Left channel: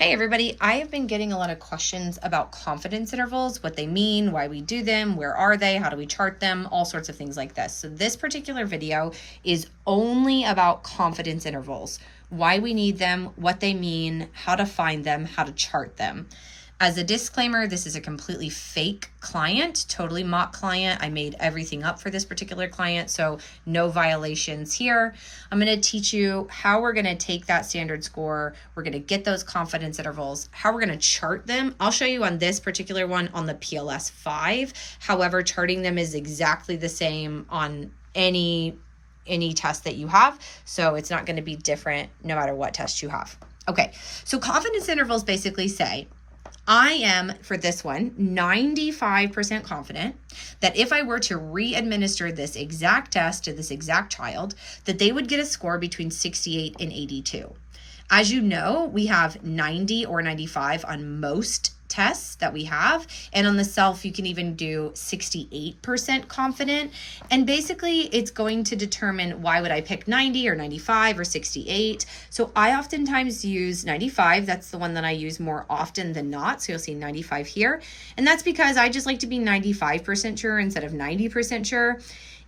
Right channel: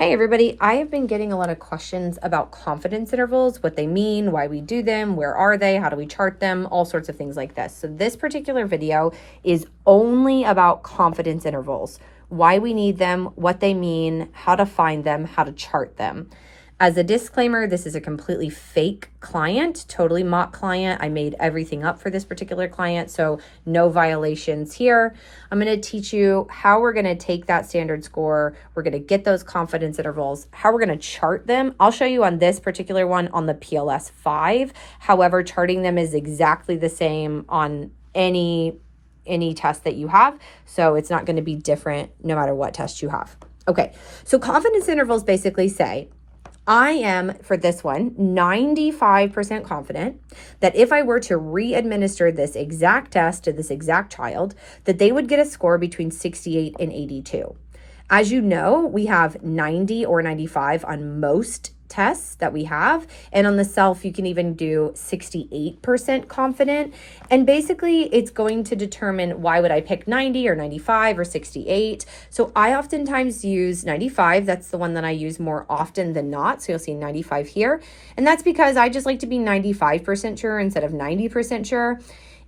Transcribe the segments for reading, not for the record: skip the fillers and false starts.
Hey everybody, I have been getting a lot of questions about confidence intervals, what they mean, why we do them, where are they, how do we chart them, all sorts of things like this. So this particular video is only about confidence intervals, why we need them, what they mean, how to find them, how to chart them. As a disclaimer, this is a completely fake client, totally mock client. I made everything up for this particular client, so no violations here. I'm going to teach you how we're going to take that standard score. We're going to get those confidence intervals, how we're going to chart them. I'll show you on this particular one on the PLS 5. However, charting them is exactly the same on any test that you have. So it's not going to be different no matter what test you have. Okay, so confidence intervals basically say, I am, for this one, 95% confident that if I were to re-administer this exact test to this exact child, that they would get a score between 68 and 82. As you know, we have 90 or 95 on most tests that we have. And on the self, you can even do 68% confident. And basically, it's going to determine why would I pick 90 or 95 or 68. So I oftentimes use 95. That's the one that I use more often than not. So you'll see 95 here. And that's because I just like to be 95% sure instead of 90% sure.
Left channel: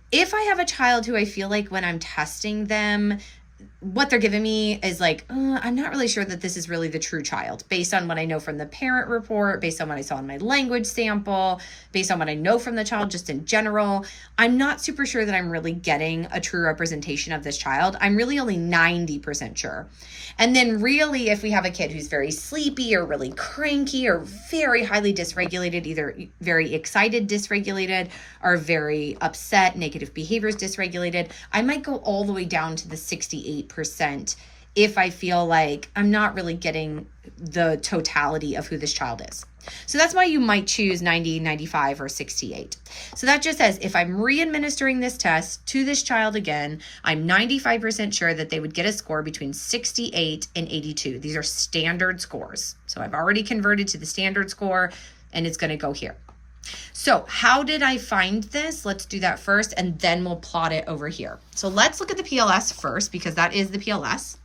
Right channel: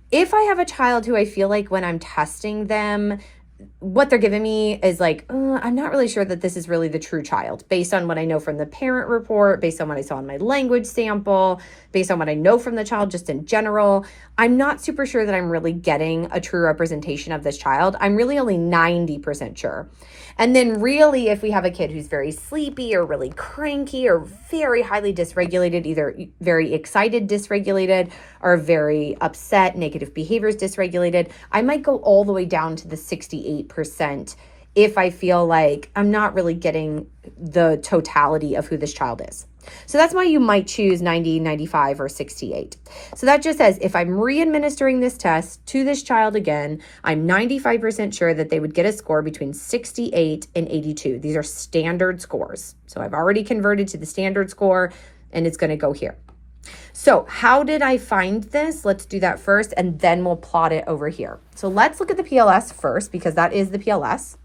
If I have a child who I feel like when I'm testing them, what they're giving me is like, I'm not really sure that this is really the true child based on what I know from the parent report, based on what I saw in my language sample, based on what I know from the child just in general. I'm not super sure that I'm really getting a true representation of this child. I'm really only 90% sure. And then really, if we have a kid who's very sleepy or really cranky or very highly dysregulated, either very excited dysregulated or very upset, negative behaviors dysregulated, I might go all the way down to the 68% if I feel like I'm not really getting the totality of who this child is. So that's why you might choose 90, 95, or 68. So that just says if I'm re-administering this test to this child again, I'm 95% sure that they would get a score between 68 and 82. These are standard scores. So I've already converted to the standard score and it's going to go here. So how did I find this? Let's do that first and then we'll plot it over here. So let's look at the PLS first because that is the PLS.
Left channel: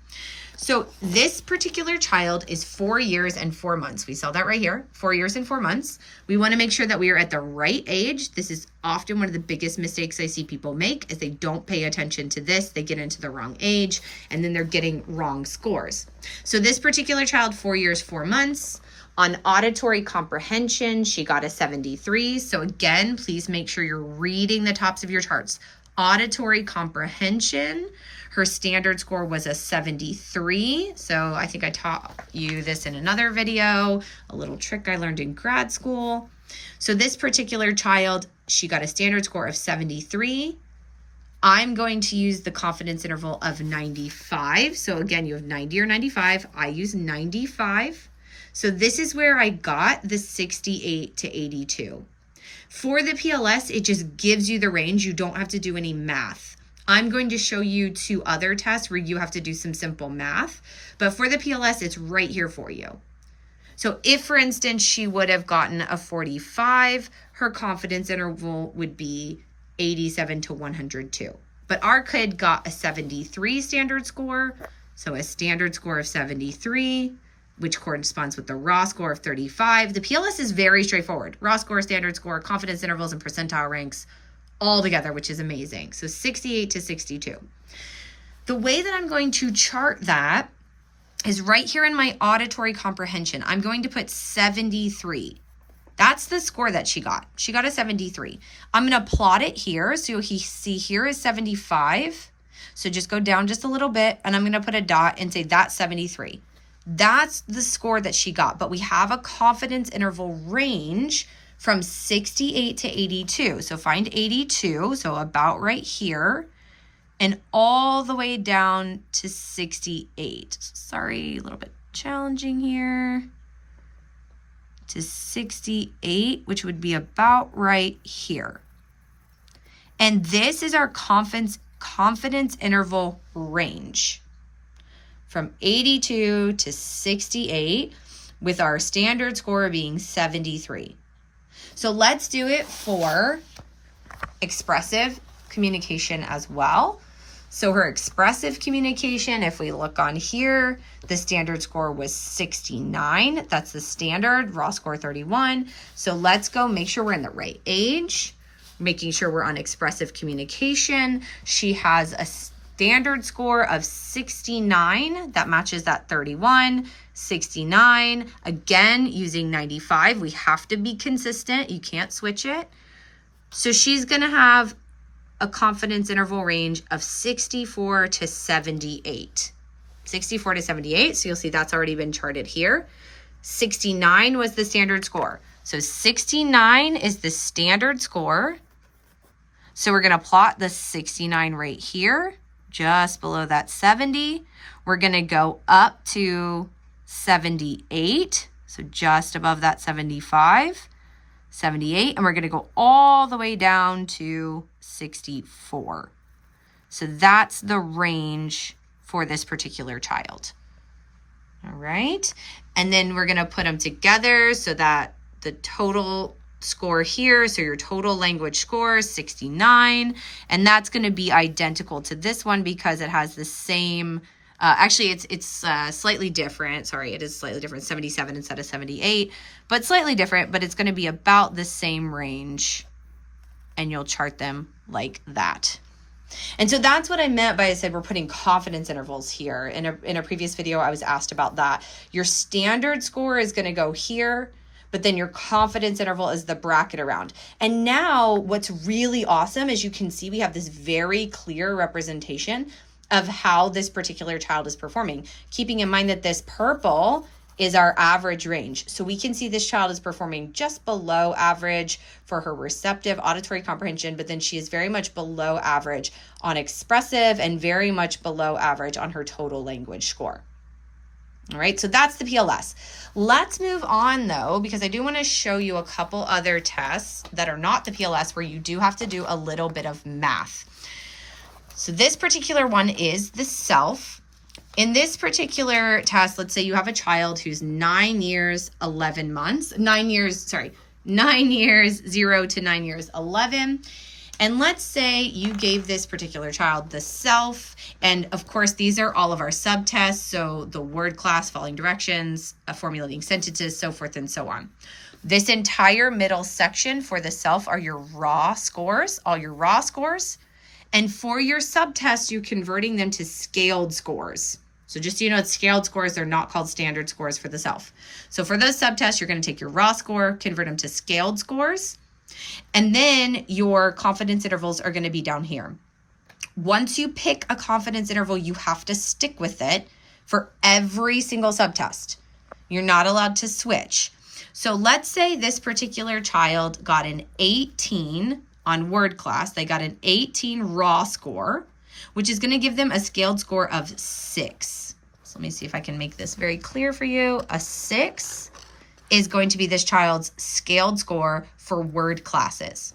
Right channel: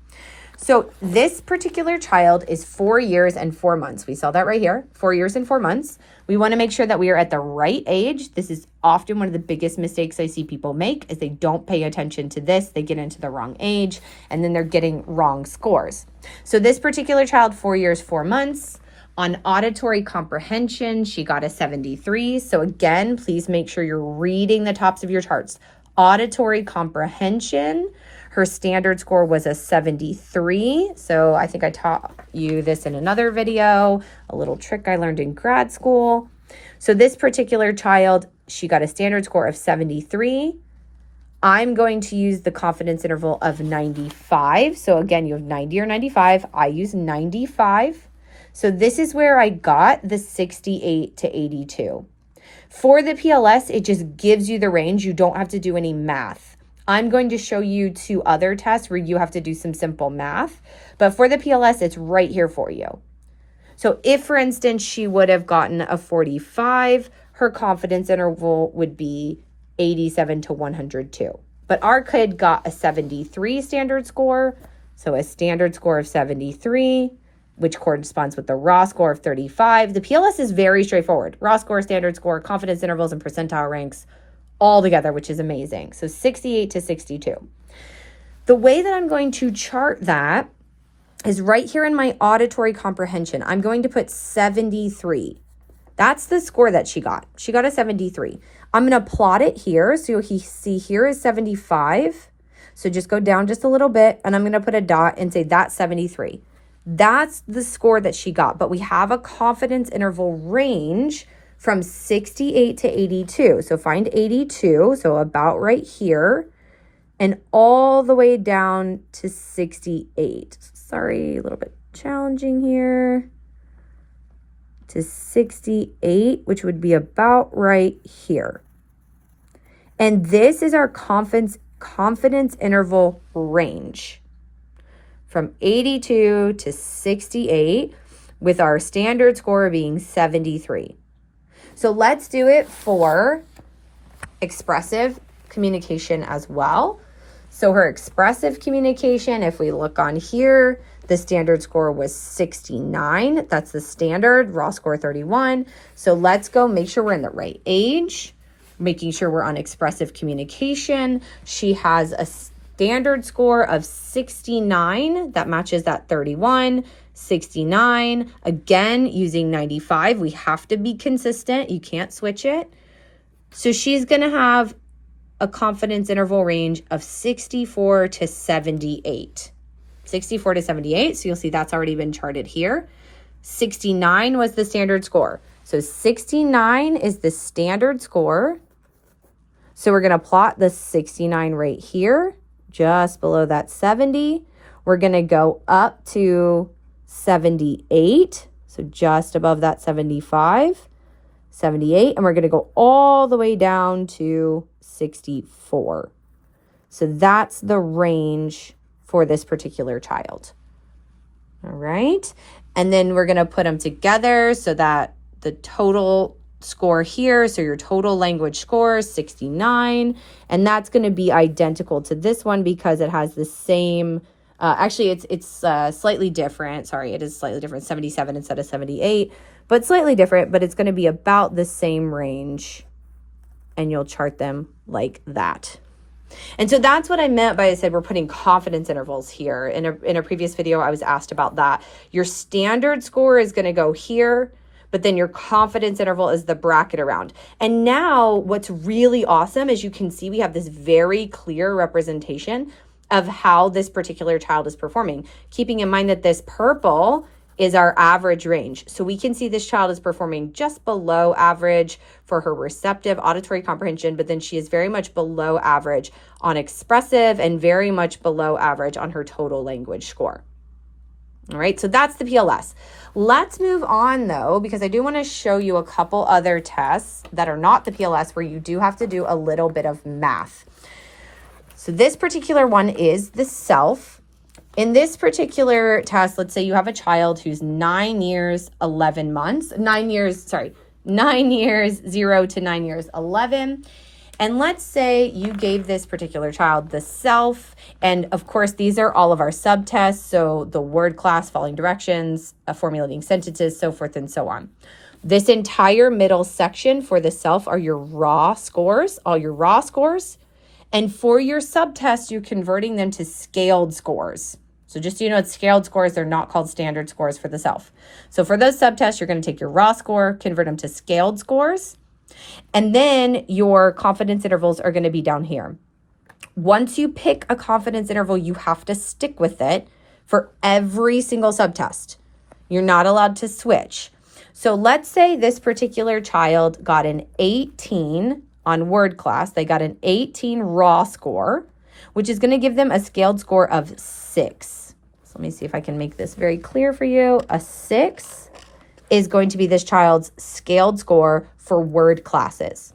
So this particular child is 4 years and 4 months. We saw that right here, 4 years and 4 months. We want to make sure that we are at the right age. This is often one of the biggest mistakes I see people make is they don't pay attention to this. They get into the wrong age and then they're getting wrong scores. So this particular child, 4 years, 4 months. On auditory comprehension, she got a 73. So again, please make sure you're reading the tops of your charts. Auditory comprehension, her standard score was a 73. So I think I taught you this in another video, a little trick I learned in grad school. So this particular child, she got a standard score of 73. I'm going to use the confidence interval of 95. So again, you have 90 or 95. I use 95. So this is where I got the 68 to 82. For the PLS, it just gives you the range. You don't have to do any math. I'm going to show you 2 other tests where you have to do some simple math. But for the PLS, it's right here for you. So if, for instance, she would have gotten a 45, her confidence interval would be 87 to 102. But our kid got a 73 standard score. So a standard score of 73. Which corresponds with the raw score of 35. The PLS is very straightforward. Raw score, standard score, confidence intervals, and percentile ranks all together, which is amazing. So 68 to 62. The way that I'm going to chart that is right here in my auditory comprehension. I'm going to put 73. That's the score that she got. She got a 73. I'm going to plot it here. So you'll see here is 75. So just go down just a little bit, and I'm going to put a dot and say that's 73. That's the score that she got, but we have a confidence interval range from 68 to 82. So find 82, so about right here, and all the way down to 68. Sorry, a little bit challenging here. To 68, which would be about right here. And this is our confidence interval range. From 82 to 68 with our standard score being 73. So let's do it for expressive communication as well. So her expressive communication, if we look on here, The standard score was 69. That's the standard, raw score 31. So let's go make sure we're in the right age, making sure we're on expressive communication. She has a standard score of 69. That matches that 31. 69. Again, using 95. We have to be consistent. You can't switch it. So she's going to have a confidence interval range of 64 to 78. 64 to 78. So you'll see that's already been charted here. 69 was the standard score. So 69 is the standard score. So we're going to plot the 69 right here, just below that 70. We're going to go up to 78. So just above that 75, 78. And we're going to go all the way down to 64. So that's the range for this particular child. All right. And then we're going to put them together so that the total score here, so your total language score is 69, and that's going to be identical to this one because it has the same, actually it's slightly different. Sorry, it is slightly different, 77 instead of 78, but slightly different, but it's going to be about the same range, and you'll chart them like that. And so that's what I meant by I said we're putting confidence intervals here. In a previous video, I was asked about that. Your standard score is going to go here, but then your confidence interval is the bracket around. And now what's really awesome is you can see we have this very clear representation of how this particular child is performing, keeping in mind that this purple is our average range. So we can see this child is performing just below average for her receptive auditory comprehension, but then she is very much below average on expressive and very much below average on her total language score. All right, so that's the PLS. Let's move on though, because I do want to show you a couple other tests that are not the PLS where you do have to do a little bit of math. So this particular one is the self. In this particular test, let's say you have a child who's 9 years, 11 months, 9 years, 0 to 9 years, 11. And let's say you gave this particular child the self, and of course, these are all of our subtests, so the word class, following directions, formulating sentences, so forth and so on. This entire middle section for the self are your raw scores, all your raw scores. And for your subtests, you're converting them to scaled scores. So just so you know, it's scaled scores. They're not called standard scores for the self. So for those subtests, you're going to take your raw score, convert them to scaled scores. And then your confidence intervals are going to be down here. Once you pick a confidence interval, you have to stick with it for every single subtest. You're not allowed to switch. So let's say this particular child got an 18 on word class. They got an 18 raw score, which is going to give them a scaled score of 6. So let me see if I can make this very clear for you. A 6 is going to be this child's scaled score for word classes.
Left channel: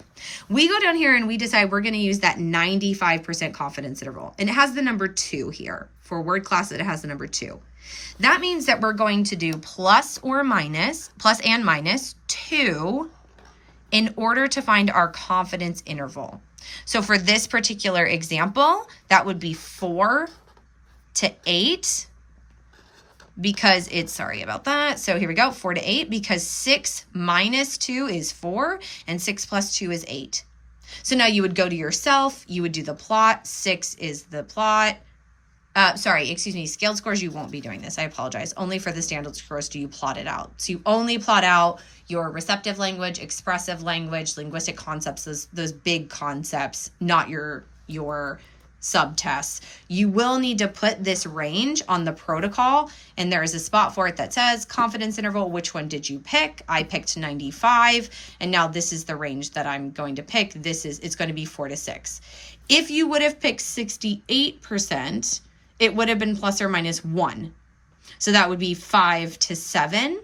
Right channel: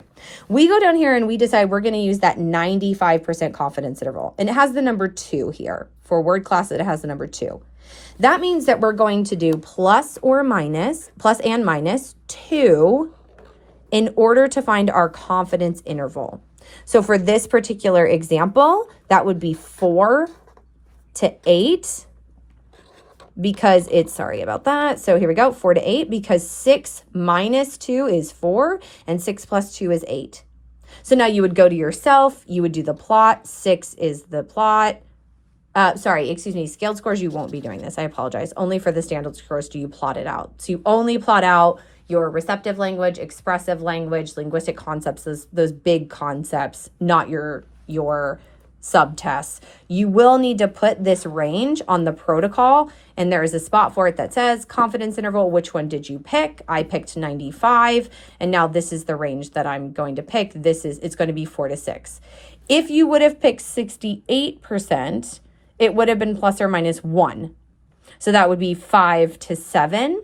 We go down here and we decide we're going to use that 95% confidence interval. And it has the number 2 here. For word class, it has the number 2. That means that we're going to do plus and minus 2 in order to find our confidence interval. So for this particular example, that would be 4 to 8 because it's, sorry about that. So here we go, 4 to 8 because 6 minus 2 is 4 and 6 plus 2 is 8. So now you would go to yourself, you would do the plot. 6 is the plot. Scaled scores, you won't be doing this. I apologize. Only for the standard scores do you plot it out. So you only plot out your receptive language, expressive language, linguistic concepts, those big concepts, not your subtests. You will need to put this range on the protocol, and there is a spot for it that says confidence interval. Which one did you pick? I picked 95, and now this is the range that I'm going to pick. It's going to be 4 to 6. If you would have picked 68%, it would have been plus or minus 1. So that would be 5 to 7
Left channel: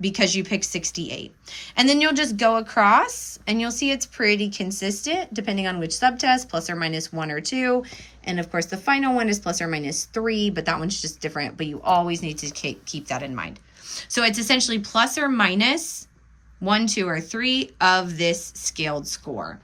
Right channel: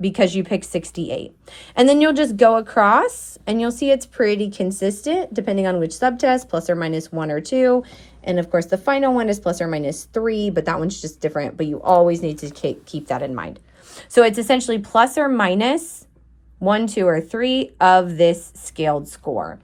because you picked 68. And then you'll just go across and you'll see it's pretty consistent depending on which subtest, plus or minus 1 or 2. And of course, the final one is plus or minus 3, but that one's just different. But you always need to keep that in mind. So it's essentially plus or minus 1, 2, or 3 of this scaled score.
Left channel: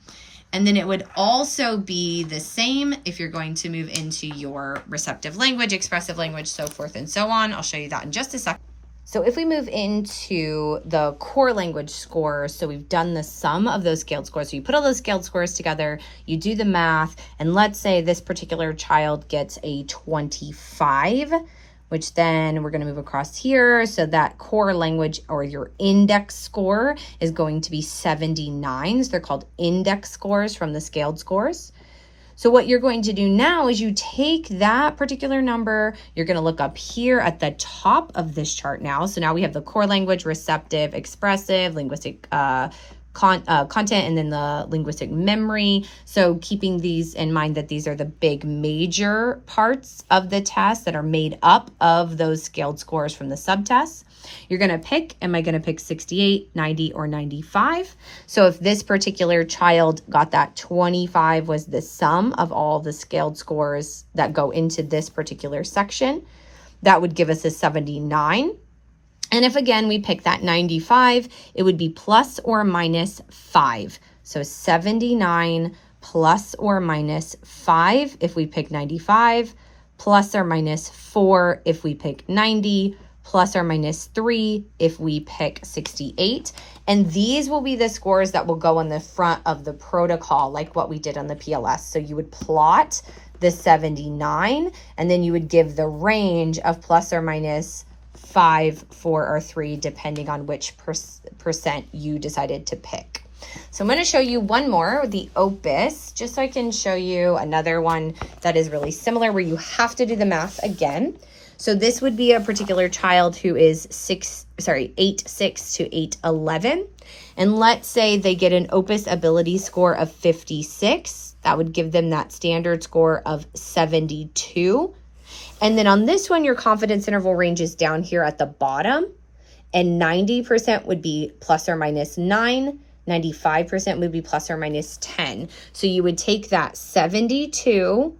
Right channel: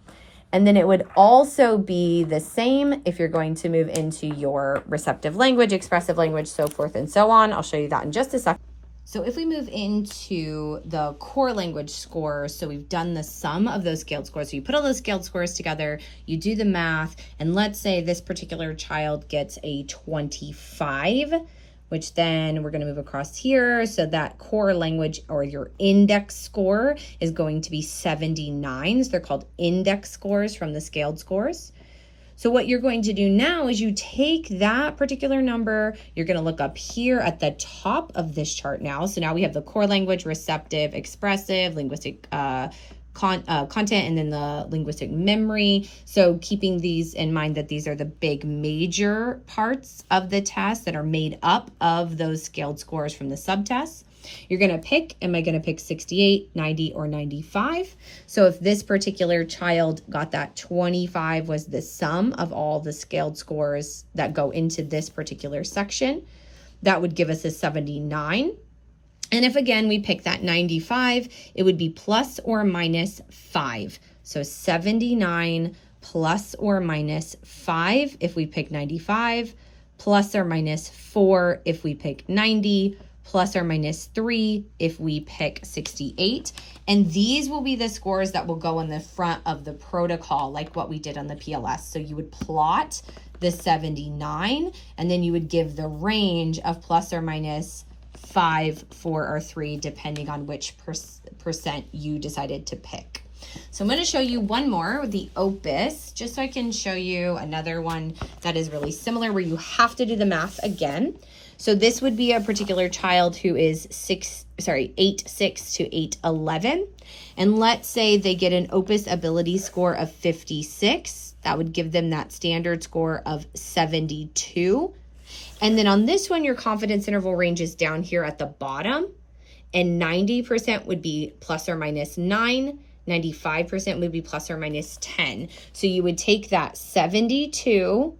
And then it would also be the same if you're going to move into your receptive language, expressive language, so forth and so on. I'll show you that in just a second. So if we move into the core language scores, so we've done the sum of those scaled scores. So you put all those scaled scores together, you do the math, and let's say this particular child gets a 25, which then we're going to move across here. So that core language or your index score is going to be 79. So they're called index scores from the scaled scores. So what you're going to do now is you take that particular number, you're going to look up here at the top of this chart now. So now we have the core language, receptive, expressive, linguistic content, and then the linguistic memory. So keeping these in mind that these are the big major parts of the test that are made up of those scaled scores from the subtests. You're going to pick, am I going to pick 68, 90, or 95? So if this particular child got that 25 was the sum of all the scaled scores that go into this particular section, that would give us a 79. And if again, we pick that 95, it would be plus or minus 5. So 79 plus or minus 5 if we pick 95, plus or minus 4 if we pick 90, plus or minus 3 if we pick 68. And these will be the scores that will go on the front of the protocol, like what we did on the PLS. So you would plot the 79, and then you would give the range of plus or minus 5, 4, or 3, depending on which percent you decided to pick. So I'm going to show you one more, the OPUS, just so I can show you another one that is really similar where you have to do the math again. So this would be a particular child who is 8-6 to 8-11. And let's say they get an OPUS ability score of 56. That would give them that standard score of 72. And then on this one, your confidence interval range is down here at the bottom. And 90% would be plus or minus 9. 95% would be plus or minus 10. So you would take that 72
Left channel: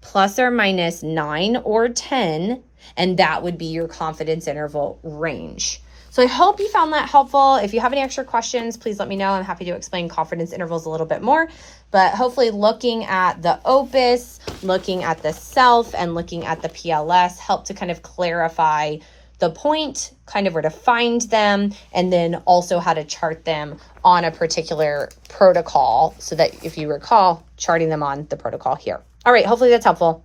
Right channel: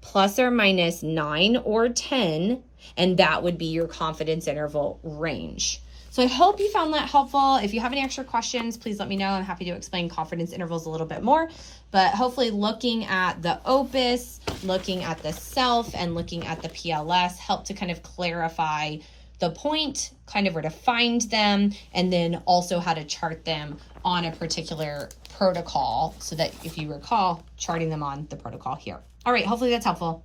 plus or minus 9 or 10, and that would be your confidence interval range. So I hope you found that helpful. If you have any extra questions, please let me know. I'm happy to explain confidence intervals a little bit more. But hopefully looking at the OPUS, looking at the SELF, and looking at the PLS helped to kind of clarify the point, kind of where to find them, and then also how to chart them on a particular protocol so that if you recall, charting them on the protocol here. All right, hopefully that's helpful.